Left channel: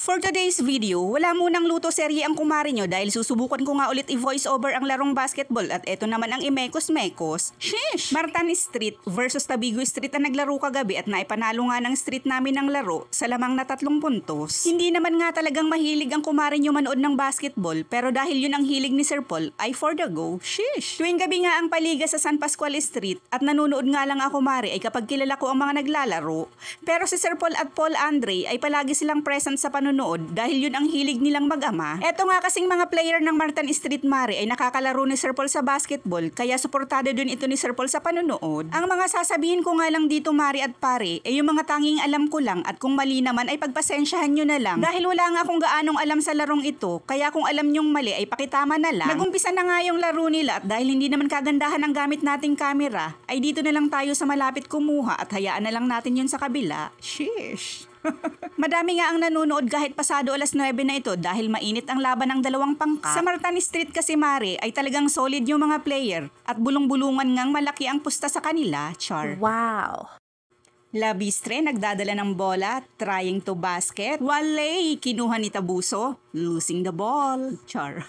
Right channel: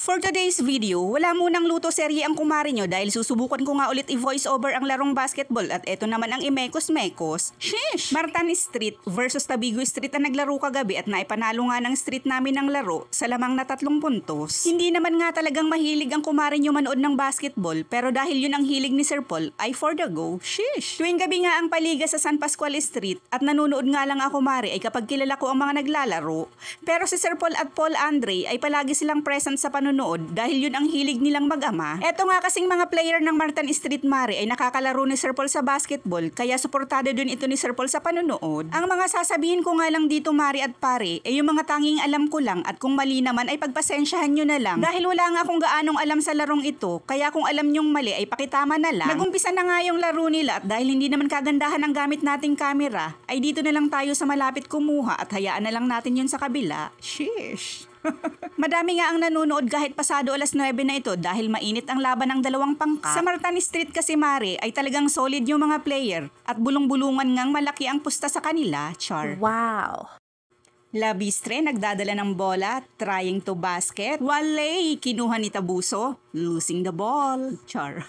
For today's video, wala munang luto serye ang kumari nyo dahil susubukan ko nga ulit i-voice over ang larong basketball at eto naman ang imekos-mekos. Sheesh! Martan Street versus Tabigo Street ang naglaro kagabi at naipanalo nga ng street namin ng laro sa lamang na 3 puntos. Hindi naman nga talagang mahilig ang kumari nyo manood ng basketball pero dahil yun ang hilig ni Sir Paul ay for the go. Sheesh! Tuwing gabi nga ang paliga sa San Pascual Street at nanonood nga lang ako kumari ay kapag kilala ko ang mga naglalaro. Pero si Sir Paul at Paul Andre ay palagi silang present sa panonood dahil yun ang hilig nilang mag-ama. Eto nga kasing mga player ng Martan Street Mare ay nakakalaro ni Sir Paul sa basketball kaya suportado din ito ni Sir Paul sa panonood. Ang mga sasabihin ko nga lang dito Mare at Pare ay yung mga tanging alam ko lang at kung mali naman ay pagpasensyahan nyo na lang dahil wala nga akong gaanong alam sa larong ito kaya kung alam nyong mali ay pakitama na lang. Nagumpisa na nga yung laro nila at dahil hindi naman kagandahan ang gamit nating camera ay dito na lang tayo sa malapit kumuha at hayaan na lang natin yun sa kabila. Sheesh! Madami nga ang nanonood kahit pasado alas 9 na ito dahil mainit ang laban ng dalawang pangkat. Sa Martan Street kasi Mare ay talagang solid yung mga player at bulong-bulungan ngang malaki ang pusta sa kanila, char. Wow! Labistre nagdadala ng bola, trying to basket. Walay, kinuha ni Tabuso, losing the ball, char.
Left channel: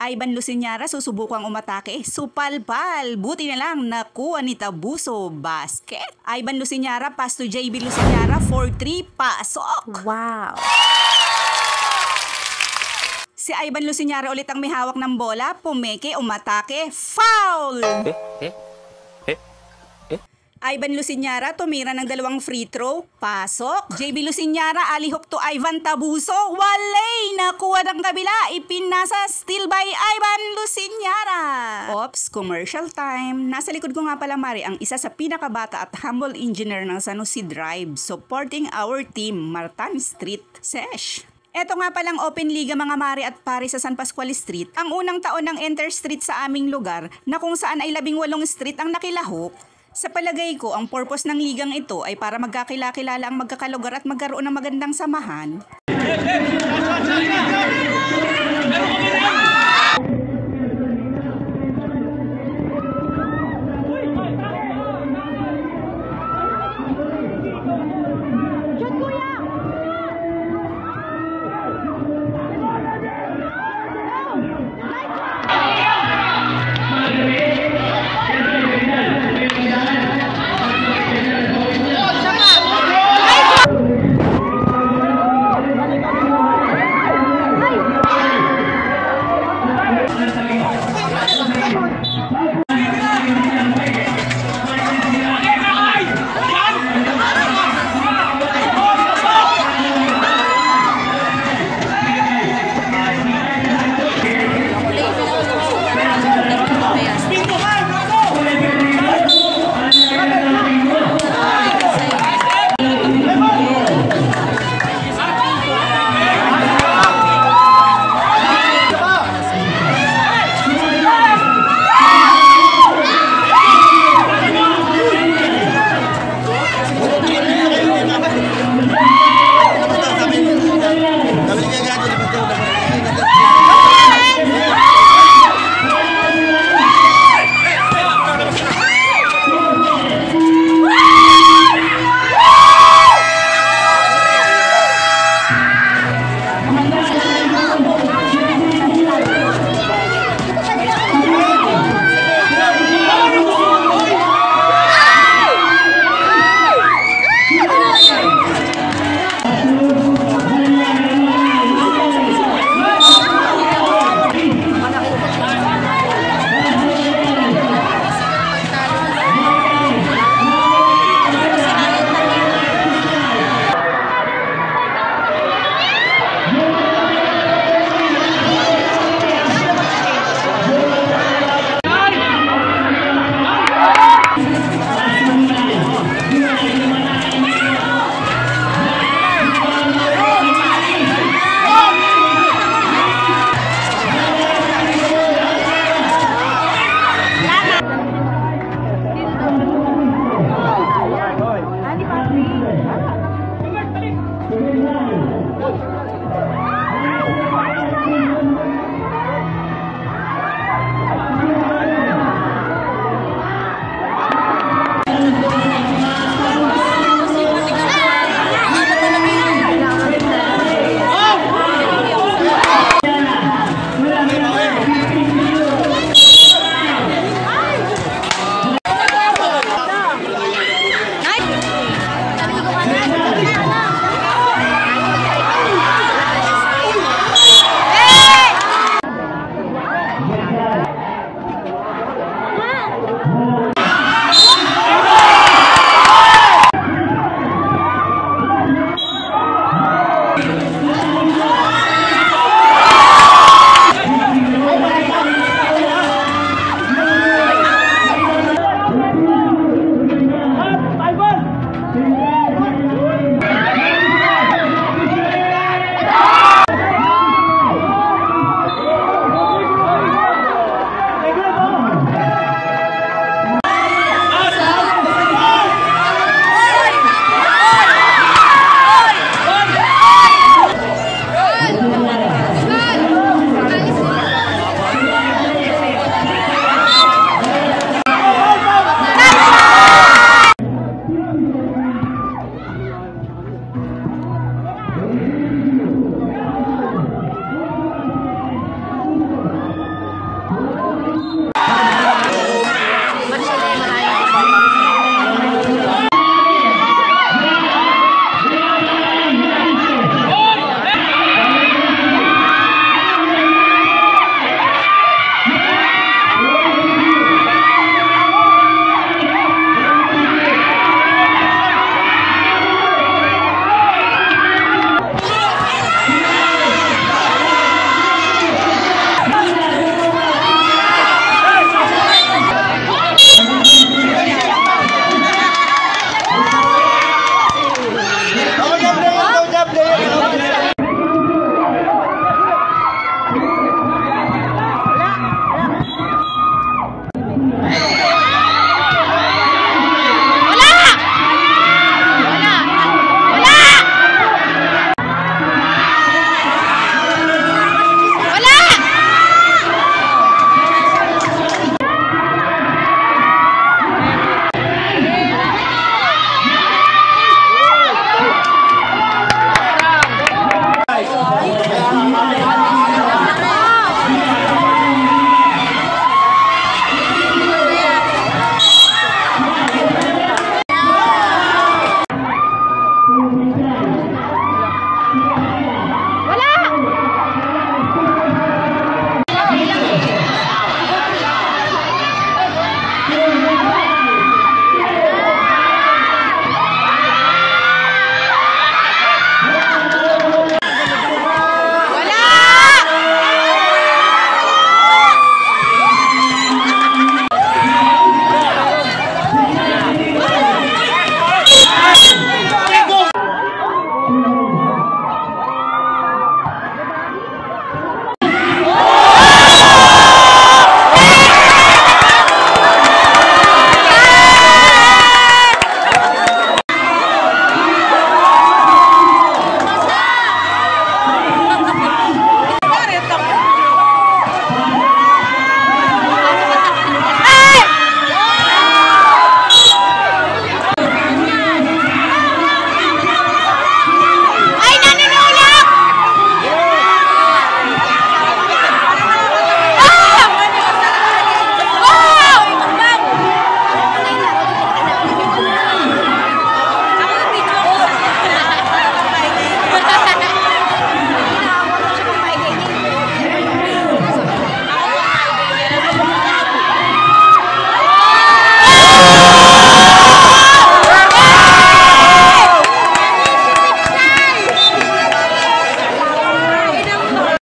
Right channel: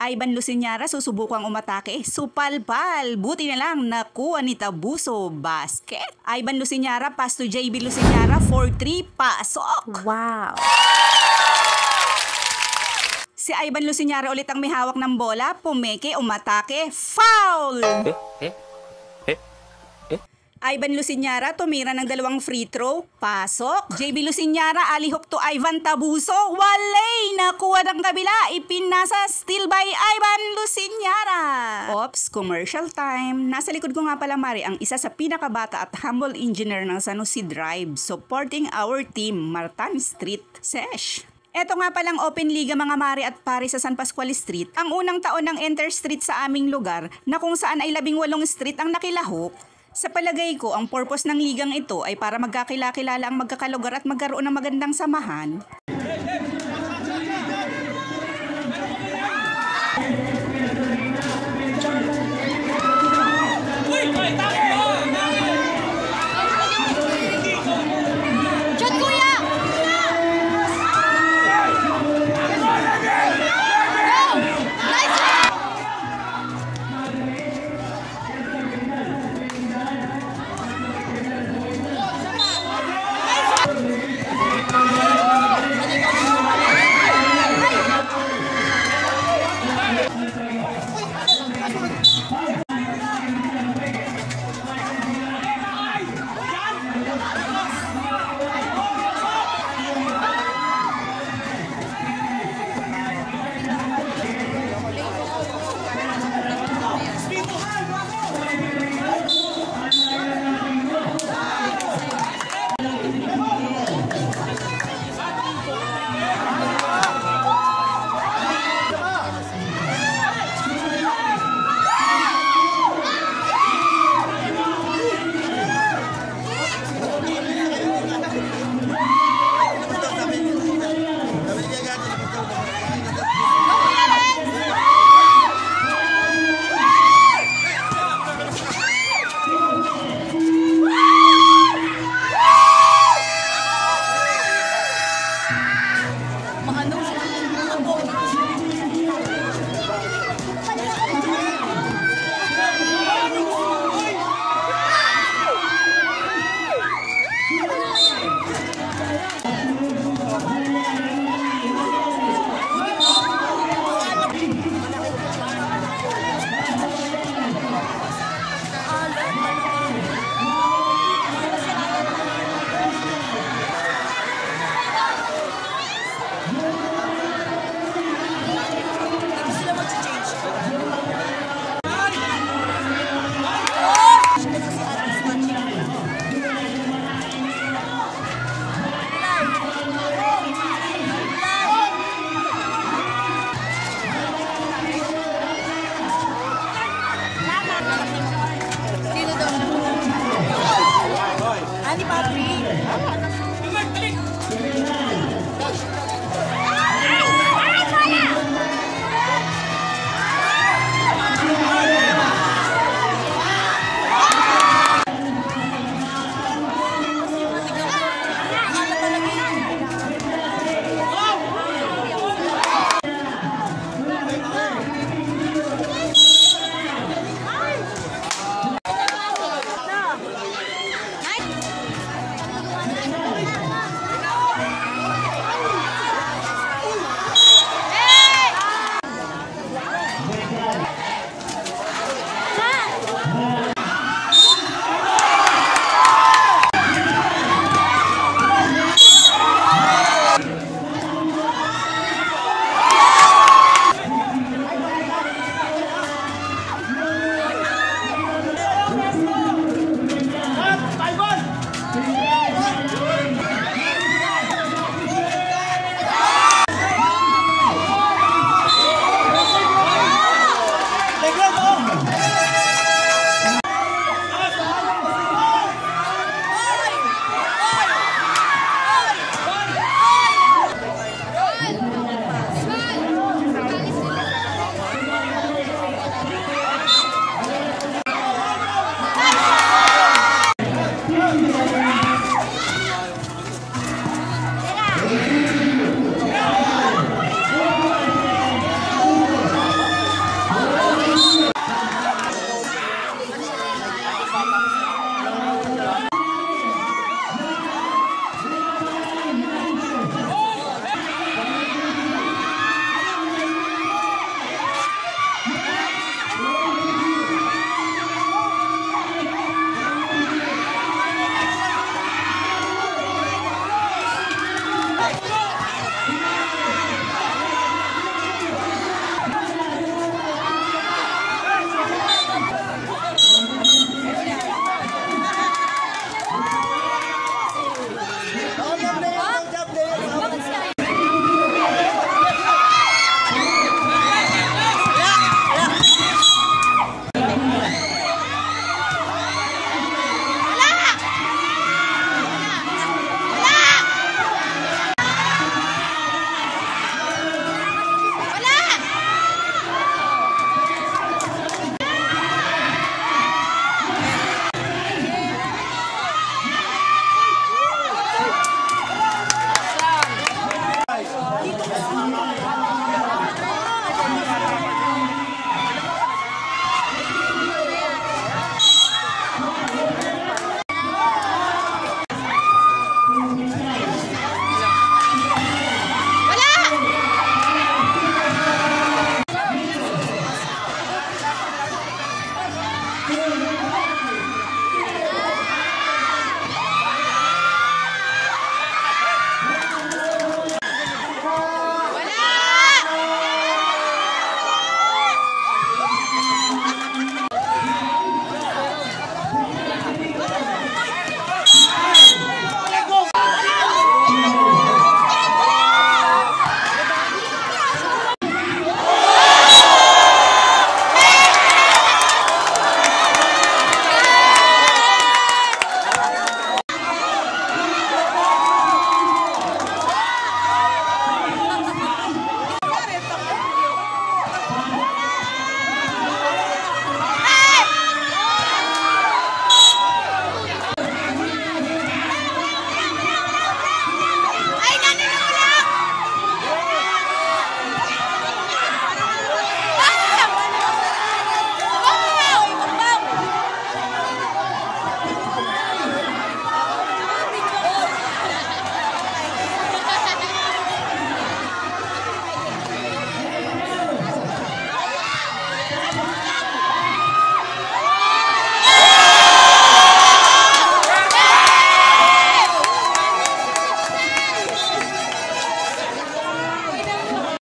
Ivan Luciñara susubukang umatake, supalpal, buti na lang nakuha ni Tabuso, basket. Ivan Luciñara pass to JB Luciñara, 4-3, pasok. Wow! Si Ivan Luciñara ulit ang may hawak ng bola, pumeke, umatake, foul! Ivan Luciñara tumira ng 2 free throw, pasok. JB Luciñara alihok to Ivan Tabuso, walay, nakuha ng kabila, ipinasa, still by Ivan Luciñara. Ops, commercial time. Nasa likod ko nga pala Mari ang isa sa pinakabata at humble engineer ng San Jose Drive, supporting our team, Martan Street, Sesh. Eto nga palang open liga mga Mare at Pare sa San Pascual Street, ang unang taon ng Enter Street sa aming lugar na kung saan ay 18 street ang nakilahok. Sa palagay ko, ang purpose ng ligang ito ay para magkakilala ang magkakalugar at magkaroon ng magandang samahan.